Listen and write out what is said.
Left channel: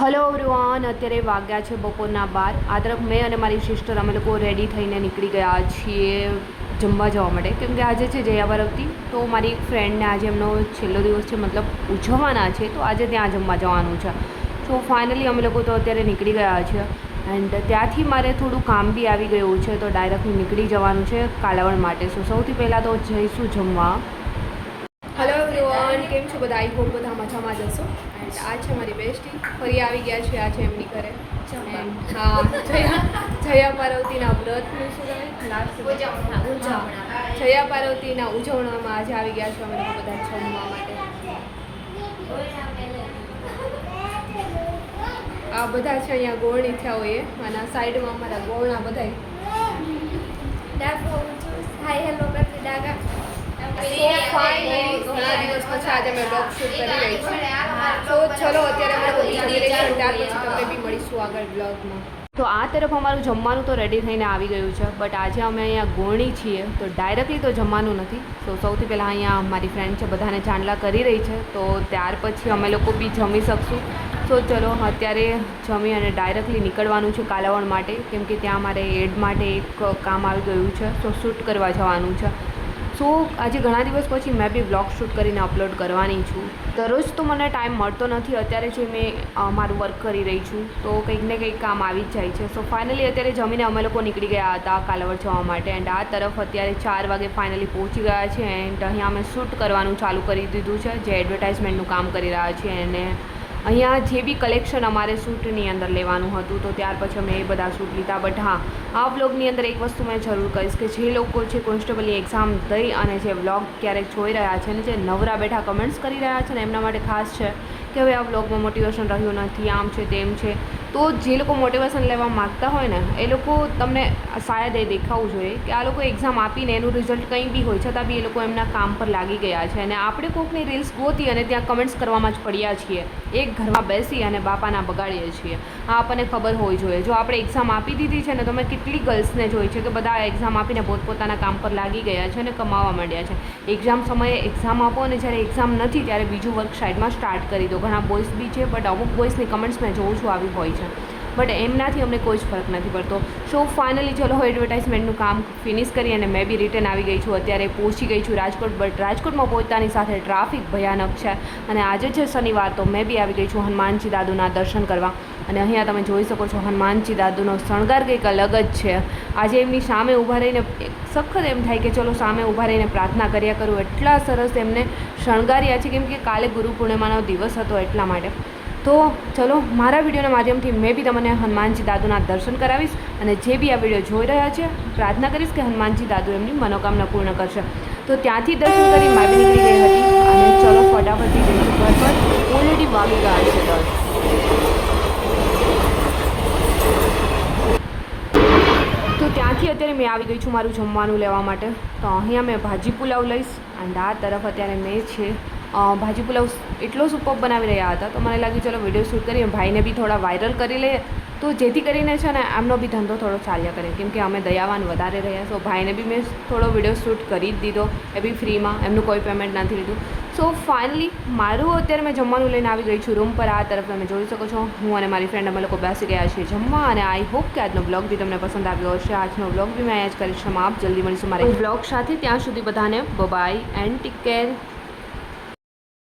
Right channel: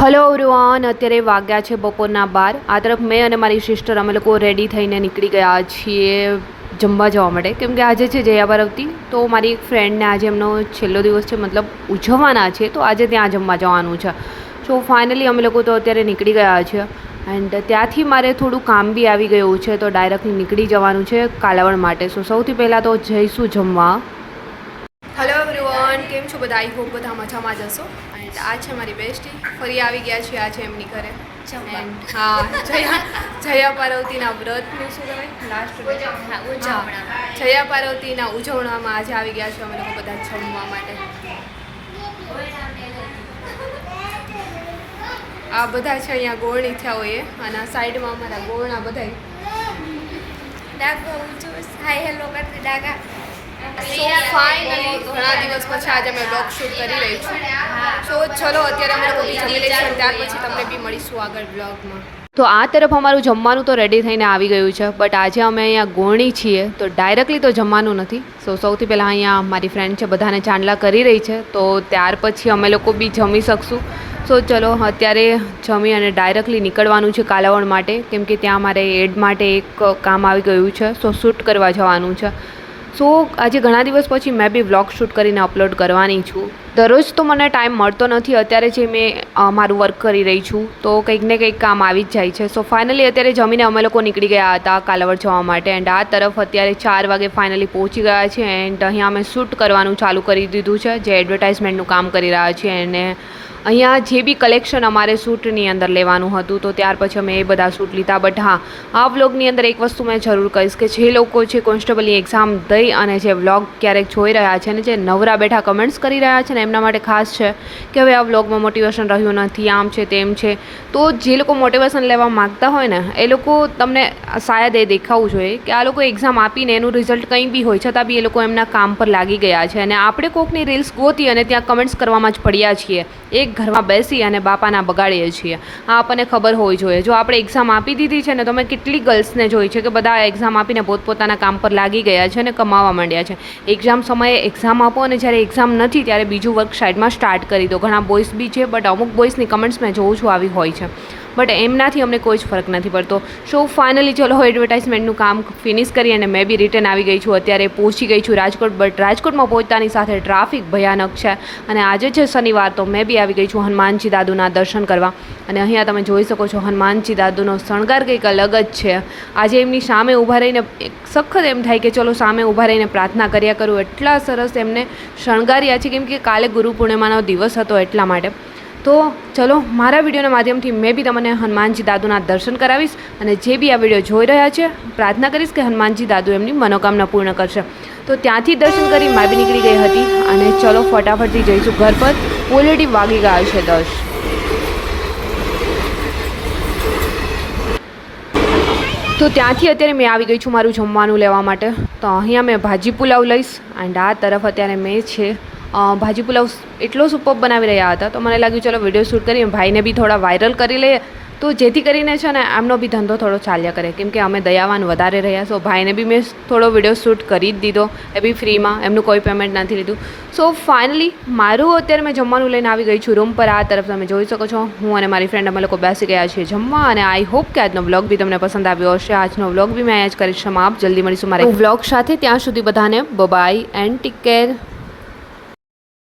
Hello everyone, અત્યારે વાગ્યા છે બપોરના 12. આ તરફ મેં અને મારી સિસ્ટર અમે લોકો રેડી થઈને નીકળી ગયા છીએ જમવા જવા માટે, કેમ કે આજે છે જયા પાર્વતી. તો મારી એક ફ્રેન્ડને આજે એમનો છેલ્લો દિવસ છે, મતલબ ઉજવવાના છે, તો આજે ત્યાં જમવા જવાનું છે. સો ફાઇનલી અમે લોકો તો અત્યારે નીકળી ગયા છે એન્ડ ત્યાંથી મારે થોડું કામ બી આવી ગયું છે, તો ડાયરેક્ટલી નીકળી જવાનું છે કાલાવડ માટે. સો સૌથી પહેલાં તો જઈશું જમવા. હલો એવરીવન, કેમ છો બધા? આઈ હોપ બધા મજામાં જ હશો. એન્ડ આ છે મારી બેસ્ટી, ફરી આવી ગયા છે આજે એમની ઘરે. એન્ડ હા, જયા પાર્વતીના વ્રતનું શું કહેવાય, લાસ્ટ જયા પાર્વતીના ઉજવણામાં આજે આવી ગયા છે અમે લોકો બધા જમવા માટે. આ બધા છે અહીંયા ગોળણી થયા હોય અને સાઈડમાં અમારા ગોળના બધા હાય હેલો કરતી ડાગા. સો ફાઇનલી ઘણા દિવસ પછી આજે અમે વ્લોગ શૂટ કરી રહી છું. સો ચલો અત્યારે અમે લોકો જમી લઈશું, ત્યાર પછી તમને બી મળીશું આગળ વ્લોગમાં. તો આ તરફ અમારું જમવાનું તો રેડી થઈને આવી ગયું છે, બટ આજે અમે અહીંયા ગોળણી છીએ તો ડાયરેક્ટલી તો જમવાનું નથી. સો સૌથી પહેલાં અહીંયા મારી ફ્રેન્ડ છે બધાને ચાંદલા કરી રહી છે, તો ત્યાર પછી અમે લોકો બી જમી શકશું. સો ચલો અત્યારે જમી અને ડાયરેક્ટલી નીકળવાનું છે કાલાવડ માટે, કેમ કે ત્યાં મારે એડ માટે એક કામ આવી ગયું છે. સો શૂટ કરવા જવાનું છે. સો આજે ઘણા દિવસ પછી મેં બી વ્લોગ શૂટ કરીને અપલોડ કરવાની છું. દરરોજ તો મને ટાઈમ મળતો નથી. અત્યારે જે મેં મારું વર્ક કરી રહી છું તો કંઈક ને કંઈક કામ આવી જ જાય છે. સો ફાઇનલી અત્યારે જમીને અમે લોકો નીકળી ગયા હતા કાલાવડ જવા માટે એન્ડ આ તરફ અત્યારે 4 વાગે ફાઇનલી પહોંચી ગયા છે એન્ડ અહીંયા અમે શૂટ કરવાનું ચાલુ કરી દીધું છે, જે એડવર્ટાઇઝમેન્ટનું કામ કરી રહ્યા છીએ. અને અહીંયા જે બી કલેક્શન અમારે શૂટની અંદર લેવાનું હતું તો ત્યાર પછી અમે એ બધા શૂટ લીધા. બટ હા, આ વ્લોગની અંદર એક વસ્તુ મેં જરૂર કહીશ કે જે લોકો છે કોન્સ્ટેબલની એક્ઝામ દઈ અને જે વ્લોગ ક્યારેક જોઈ રહ્યા છે ને જે નવરા બેઠા કમેન્ટ્સ કરી રહ્યા છે ને એમના માટે ખાસ છે કે હવે આ વ્લોગમાં મોટિવેશન રહ્યું નથી, આમ છે તેમ છે. તો જે લોકો મોટિવેશન લેવા માગતા હોય ને એ લોકો તમને શાયદ એ દેખાવું જોઈએ કે આ લોકો એક્ઝામ આપીને એનું રિઝલ્ટ કંઈ બી હોય છતાં બી એ લોકો એમના કામ પર લાગી ગયા છે અને આપણે કોકની રીલ્સ ગોતી અને ત્યાં કમેન્ટ્સ કરવામાં જ પડ્યા છીએ. એક ઘરમાં બેસી અને બાપાના બગાડીએ છીએ. આ આપણને ખબર હોવી જોઈએ. જો આપણે એક્ઝામ આપી દીધી છે ને તો મેં કેટલી ગર્લ્સને જોઈ છે કે બધા એક્ઝામ આપીને પોતપોતાના કામ પર લાગી ગયા છે અને કમાવા માંડ્યા છે. એક્ઝામ સમયે એક્ઝામ આપો અને જ્યારે એક્ઝામ નથી ત્યારે બીજું વર્ક સાઇડમાં સ્ટાર્ટ કરી દો. ઘણા બોಯ್સ બી છે, બટ અમુક બોಯ್સની કમેન્ટ્સ મેં જોઉં છું આવી હોય છે, બટ એમનાથી અમને કોઈ જ ફરક નથી પડતો. સો ફાઇનલી ચલો એડવર્ટાઇઝમેન્ટનું કામ ફિનિશ કરી અને મેં બી રિટર્ન આવી ગઈ છું. અત્યારે પહોંચી ગઈ છું રાજકોટ, બટ રાજકોટમાં પહોંચતાની સાથે ટ્રાફિક ભયાનક છે અને આજે છે શનિવાર તો મેં બી આવી ગઈ છું હનુમાનજી દાદુના દર્શન કરવા. અને અહીંયા તમે જોઈ શકો છો હનુમાનજી દાદુનો શણગાર કંઈક અલગ જ છે. આજે એમની સામે ઊભા રહીને સખત એમ થાય કે ચલો સામે ઊભા રહીને પ્રાર્થના કર્યા કરું. એટલા સરસ એમને શણગાર્યા છે, કેમ કે કાલે ગુરુ પૂર્ણિમાનો દિવસ હતો એટલા માટે. તો ચલો મારા વિડીયોના માધ્યમથી મેં બી તમને હનુમાનજી દાદુના દર્શન કરાવીશ અને જે બી આ વિડીયો જોઈ રહ્યા છે પ્રાર્થના કરીશ કે હનુમાનજી દાદુ એમની મનોકામના પૂર્ણ કરશે. તો ત્યાંથી દર્શન કરી મેં બી નીકળી ગઈ હતી અને ચલો ફટાફટથી જઈશું ઘર પર. ઓલરેડી વાગી ગયા છે 10. તો ત્યાંથી અત્યારે મેં આવી ગઈ છું મારું જમવાનું લેવા માટે. તો અહીંયા મેં ભાજી પુલાવ લઈશ એન્ડ આ તરફ અત્યારે મેં છે ભાજી પુલાવ એટલો સુપર બનાવી રહ્યા હતા તો મને લાગ્યું ચલો વિડીયો શૂટ કરીએ, ભાઈને બી થોડા વાયરલ કરી લઈએ તો જેથી કરીને છે ને એમનો બી ધંધો થોડો ચાલ્યા કરે, કેમ કે અમે દયાવાન વધારે રહ્યા. સો ભાઈને બી મેં થોડો વિડીયો શૂટ કરી જ દીધો, એ બી ફ્રીમાં, એમનું કોઈ પેમેન્ટ નથી લીધું. સો ફાઇનલી મારું અત્યારે મેં જમવાનું લઈને આવી ગઈ છું રૂમ પર. આ તરફ તમે જોઈ શકો છો હું અને મારી ફ્રેન્ડ અમે લોકો બેસી ગયા છીએ જમવા અને આઈ હોપ કે આજનો વ્લોગ બી તમને પસંદ આવ્યો હશે. આજનો વ્લોગ બી મેં અહીંયા જ કરીશ. આપ જલ્દી મળીશું મારા વ્લોગ સાથે. ત્યાં સુધી બધાને બાય એન્ડ ટેક કેર.